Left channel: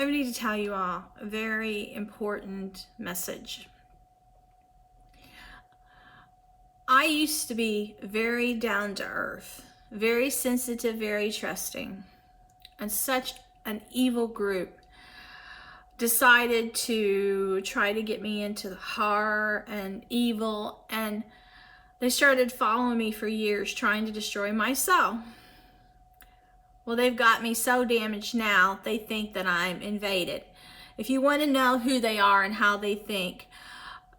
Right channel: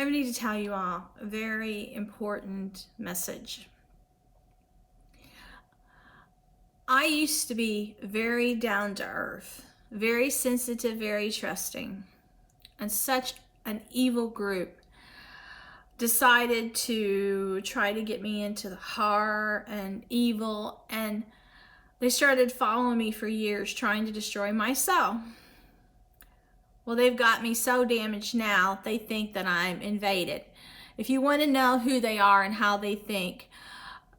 I need to tell you all a very important message. I used to be very down to earth, very sensitive, very trusting, and such an evil group decided to try to get me into the horror and evil, and they started following me for years, trying to destroy my soul. Well, they've got me so damaged now, they think that I'm invaded. If you want to know who they are and how they think,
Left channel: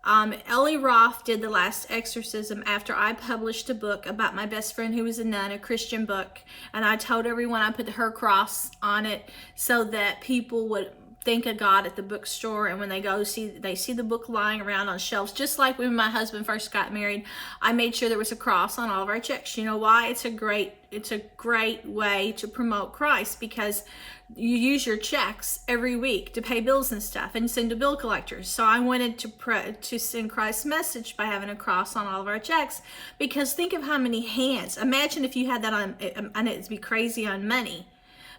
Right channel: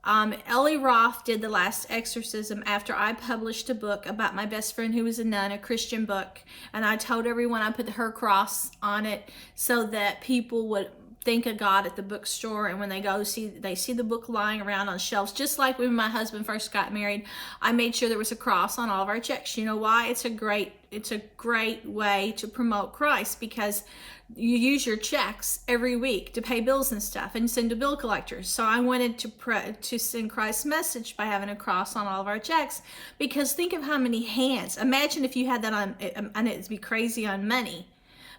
Ellie Roth did the last exorcism after I published a book about my best friend who was a nun, a Christian book, and I told everyone I put her cross on it so that people would think of God at the bookstore, and when they go they see the book lying around on shelves. Just like when my husband first got married, I made sure there was a cross on all of our checks. You know why? It's a great way to promote Christ, because you use your checks every week to pay bills and stuff and send to bill collectors. So I wanted to send Christ's message by having a cross on all of our checks, because think of how many hands. Imagine if you had that on, and it'd be crazy on money,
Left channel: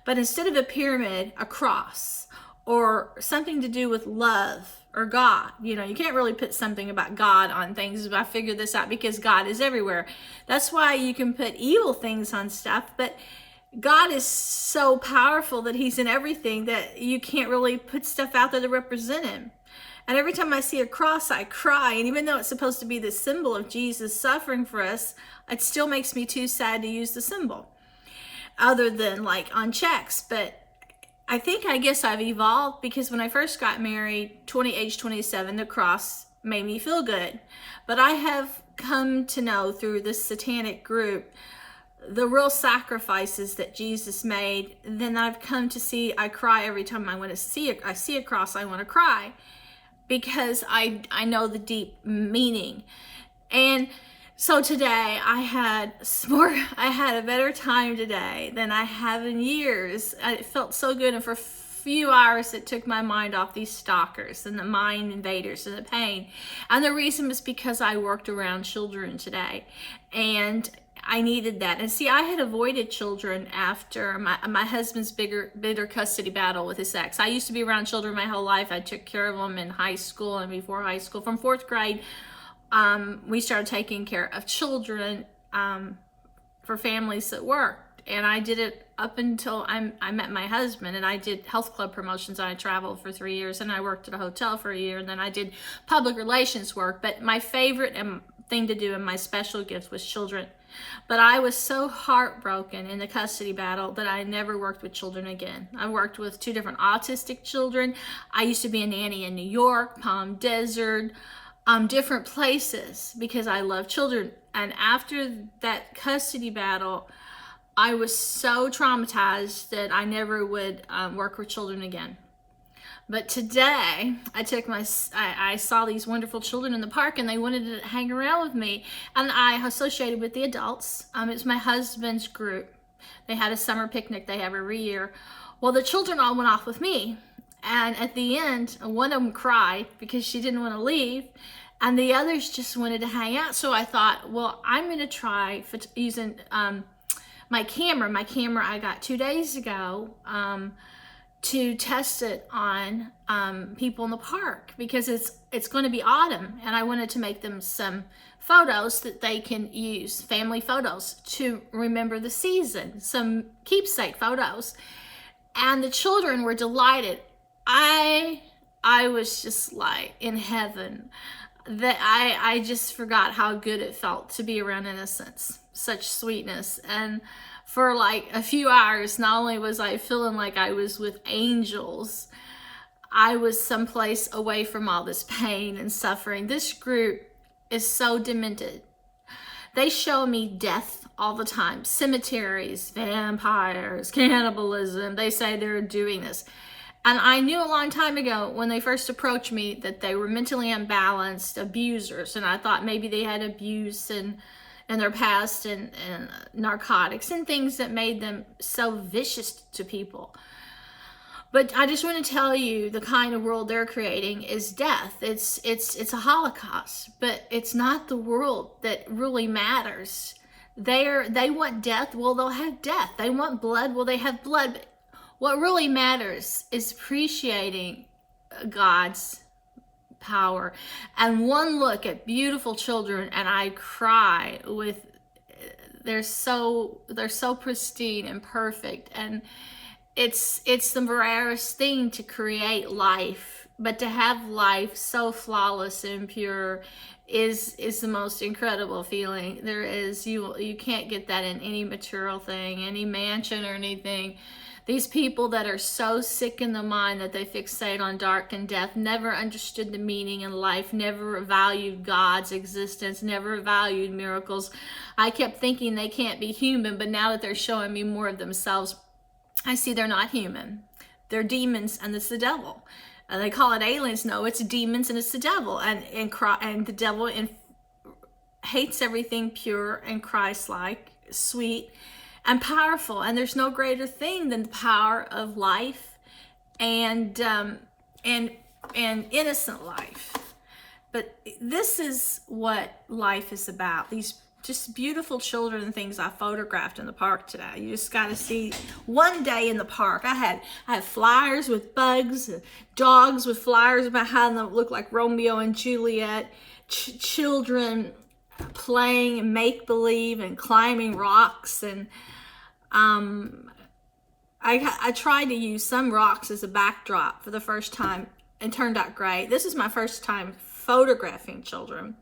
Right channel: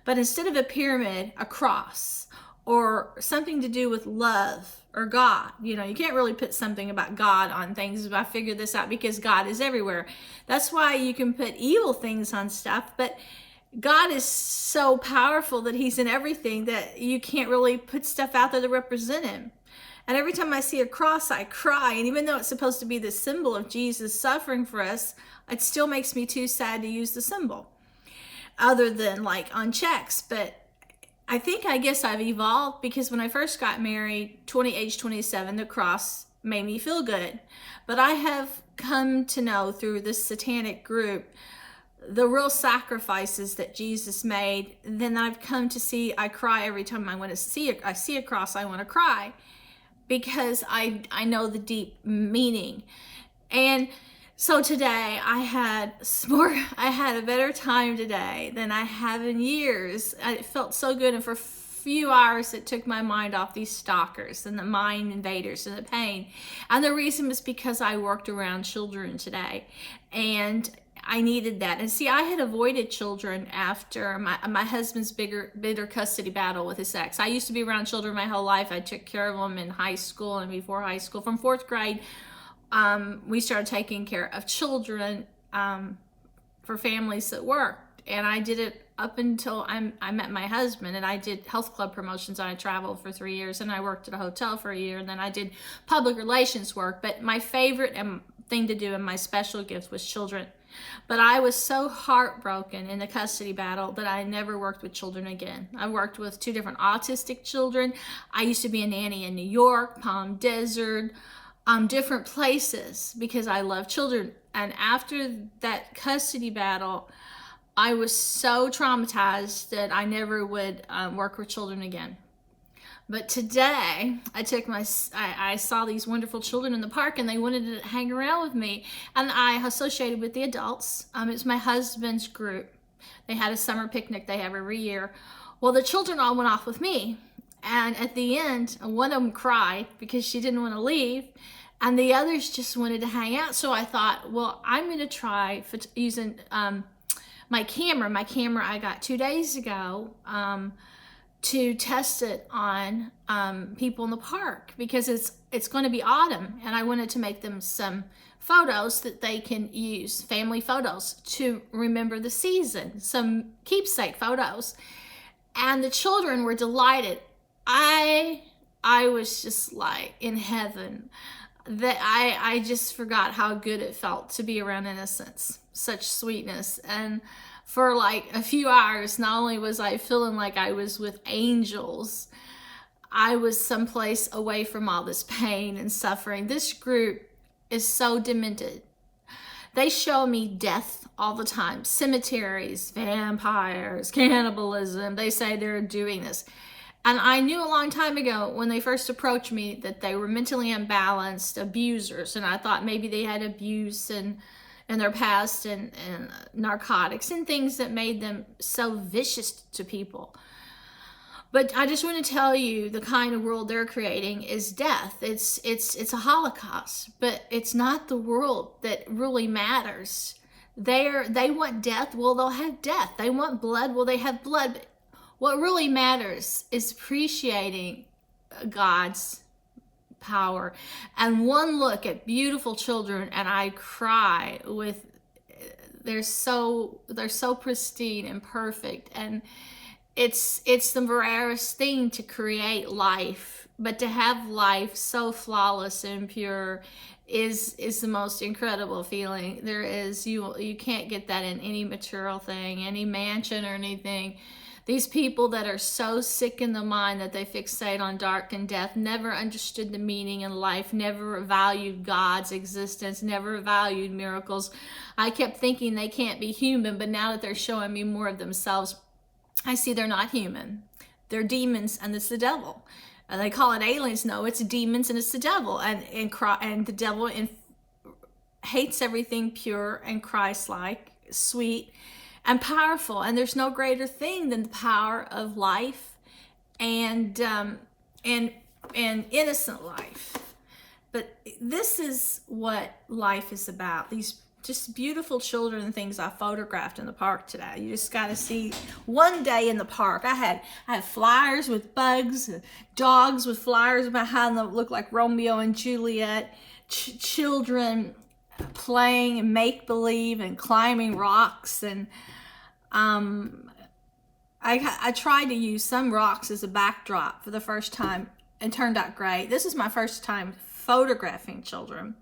but instead of a pyramid, a cross, or something to do with love or God. You know, you can't really put something about God on things. I figured this out because God is everywhere. That's why you can put evil things on stuff, but God is so powerful that he's in everything that you can't really put stuff out there to represent him. And every time I see a cross, I cry. And even though it's supposed to be the symbol of Jesus suffering for us, it still makes me too sad to use the symbol, other than like on checks. But I guess I've evolved, because when I first got married, age 27, the cross made me feel good. But I have come to know through this satanic group the real sacrifices that Jesus made. Then I've come to see, I cry every time I see a cross, I want to cry, because I know the deep meaning. And so today I had a better time today than I have in years. It felt so good, and for a few hours it took my mind off these stalkers and the mind invaders and the pain. And the reason was because I worked around children today, and I needed that. And see, I had avoided children after my husband's bitter custody battle with his ex. I used to be around children my whole life. I took care of them in high school and before high school. From 4th grade, we started taking care of children for families that worked. And I did it up until I met my husband, and I did health club promotions. I traveled for 3 years, and I worked at a hotel for a year, and then I did public relations work. But my favorite thing to do and my special gift was children. But I was so heartbroken in the custody battle that I never worked with children again. I worked with 2 different autistic children. I used to be a nanny in New York, Palm Desert, different places, because I love children. And after that custody battle, I was so traumatized that I never would work with children again. But today, I saw these wonderful children in the park, and they wanted to hang around with me. And I associated with the adults. It's my husband's group. They had a summer picnic they have every year. Well, the children all went off with me. And at the end, one of them cried because she didn't want to leave, and the others just wanted to hang out. So I thought, well, I'm going to try using my camera. My camera I got 2 days ago to test it on people in the park, because it's going to be autumn, and I wanted to make them some photos that they can use, family photos, to remember the season, some keepsake photos. And the children were delighted. I was just like in heaven, that I just forgot how good it felt to be around innocence, such sweetness. And for like a few hours, not only was I feeling like I was with angels, I was someplace away from all this pain and suffering. This group is so demented. They show me death all the time, cemeteries, vampires, cannibalism. They say they're doing this. And I knew a long time ago when they first approached me that they were mentally unbalanced abusers. And I thought maybe they had abuse in their past, and narcotics and things that made them so vicious to people. But I just want to tell you, the kind of world they're creating is death. It's a Holocaust, but it's not the world that really matters. They want death, well, they'll have death. They want blood, well, they have blood. But What really matters is appreciating God's power. And one look at beautiful children and I cry with, they're so pristine and perfect, and it's the rarest thing to create life, but to have life so flawless and pure is the most incredible feeling there is. You can't get that in any material thing, any mansion or anything. These people that are so sick in the mind that they fixate on dark and death never understood the meaning in life, never valued God's existence, never valued miracles. I kept thinking they can't be human, but now that they're showing me more of themselves, I see they're not human. They're demons, and it's the devil. They call it aliens. No, it's demons and it's the devil. And the devil hates everything pure and Christ-like, sweet, and powerful. And there's no greater thing than the power of life and innocent life. But this is what life is about. These just beautiful children and things I photographed in the park today. You just got to see one day in the park. I had flyers with bugs, dogs with flyers behind them that looked like Romeo and Juliet, children playing make-believe and climbing rocks. And I tried to use some rocks as a backdrop for the first time and turned out great. This is my first time photographing children.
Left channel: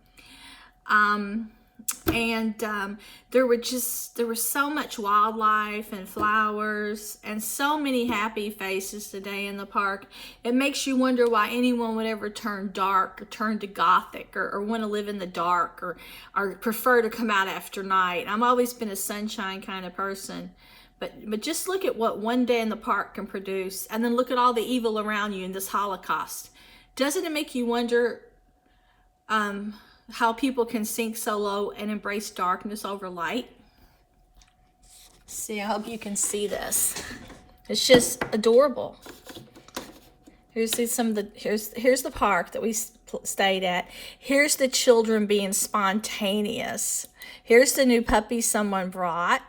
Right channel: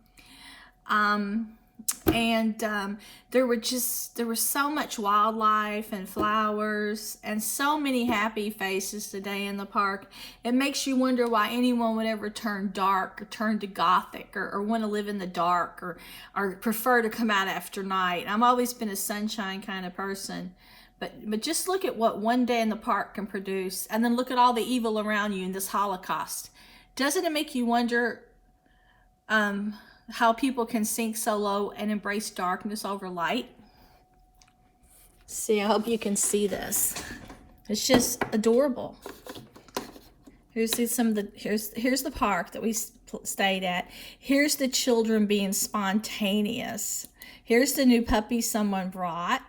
There was so much wildlife and flowers and so many happy faces today in the park. It makes you wonder why anyone would ever turn dark or turn to gothic or want to live in the dark or prefer to come out after night. I've always been a sunshine kind of person. But just look at what one day in the park can produce, and then look at all the evil around you in this Holocaust. Doesn't it make you wonder how people can sink so low and embrace darkness over light? See, I hope you can see this. It's just adorable. Here's the park that we stayed at. Here's the children being spontaneous. Here's the new puppy someone brought.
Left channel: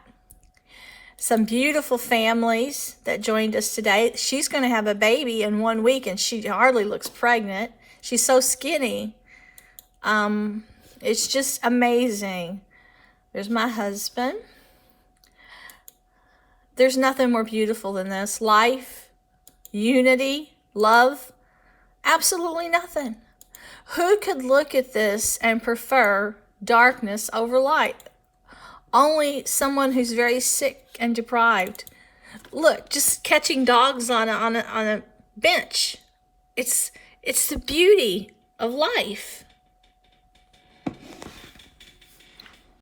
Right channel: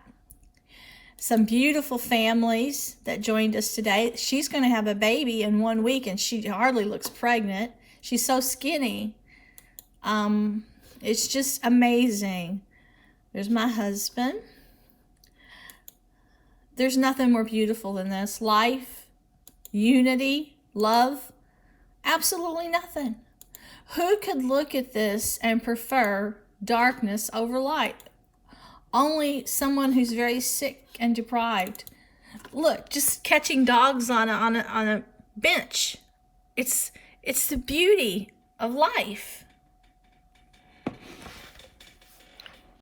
Some beautiful families that joined us today. She's going to have a baby in 1 week, and she hardly looks pregnant. She's so skinny. It's just amazing. There's my husband. There's nothing more beautiful than this. Life, unity, love, absolutely nothing. Who could look at this and prefer darkness over light? Only someone who's very sick and deprived. Look, just catching dogs on a bench. It's the beauty of life.